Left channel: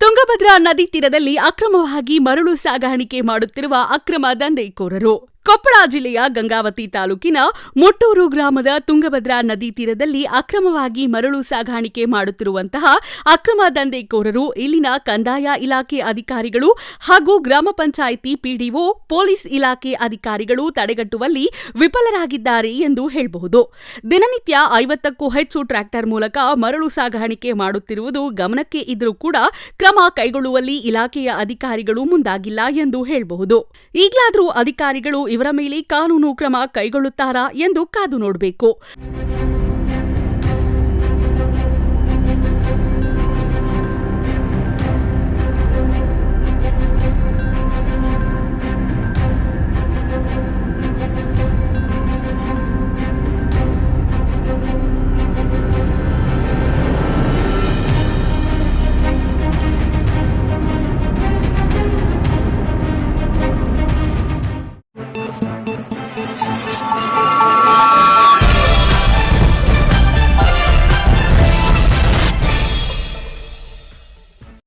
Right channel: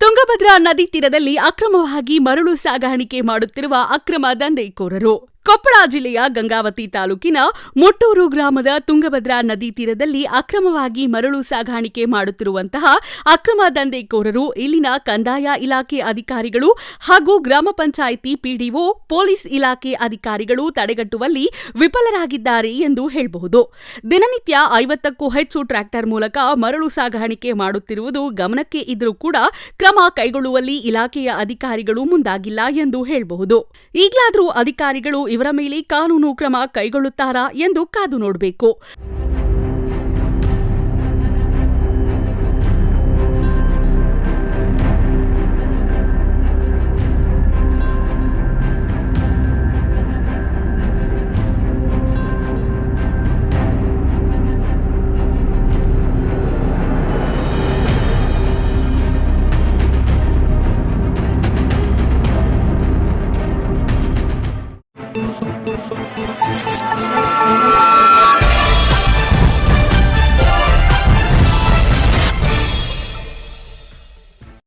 ತುಂಗಭದ್ರಾ ನದಿ ತೀರದಲ್ಲಿ ಅಕ್ರಮವಾಗಿ ಮರಳು ಸಾಗಾಣಿಕೆ ಮಾಡುತ್ತಿರುವ ಅಕ್ರಮ ದಂಧೆಕೋರರು. ಕೊಪ್ಪಳ ಜಿಲ್ಲೆಯ ಗಂಗಾವತಿ ತಾಲೂಕಿನ ಮೊಟ್ಟೂರು ಗ್ರಾಮದ ತುಂಗಭದ್ರಾ ನದಿ ತೀರದಲ್ಲಿ ಅಕ್ರಮವಾಗಿ ಮರಳು ಸಾಗಾಣಿಕೆ ಮಾಡುತ್ತಿರುವಂತಹ ಅಕ್ರಮ ದಂಧೆಕೋರರು ಇಲ್ಲಿನ ಕಂದಾಯ ಇಲಾಖೆ ಅಧಿಕಾರಿಗಳು ಹಾಗೂ ಗ್ರಾಮ ಪಂಚಾಯಿತಿ ಪಿಡಿಒ, ಪೊಲೀಸ್ ಇಲಾಖೆ ಅಧಿಕಾರಿಗಳು ತಡೆಗಟ್ಟುವಲ್ಲಿ ವಿಫಲರಾಗಿದ್ದಾರೆ ಎಂದು ಹೇಳಬಹುದು. ದಿನನಿತ್ಯ 50ಕ್ಕೂ ಹೆಚ್ಚು ಟ್ರ್ಯಾಕ್ಟರ್ ಮೂಲಕ ಮರಳು ಸಾಗಾಣಿಕೆ ಮಾಡುತ್ತಿರುವುದು ಗಮನಕ್ಕೆ ಇದ್ದರೂ ಕೂಡ ಕ್ರಮ ಕೈಗೊಳ್ಳುವಲ್ಲಿ ಇಲಾಖೆಯ ಅಧಿಕಾರಿಗಳು ಮುಂದಾಗಿಲ್ಲ ಎಂದು ಹೇಳಬಹುದು. ಈಗಲಾದರೂ ಅಧಿಕಾರಿಗಳು ಇವರ ಮೇಲೆ ಕಾನೂನು ಕ್ರಮ ಕೈಗೊಳ್ಳುತ್ತಾರಾ ಎಂದು ಕಾದು ನೋಡಬೇಕು.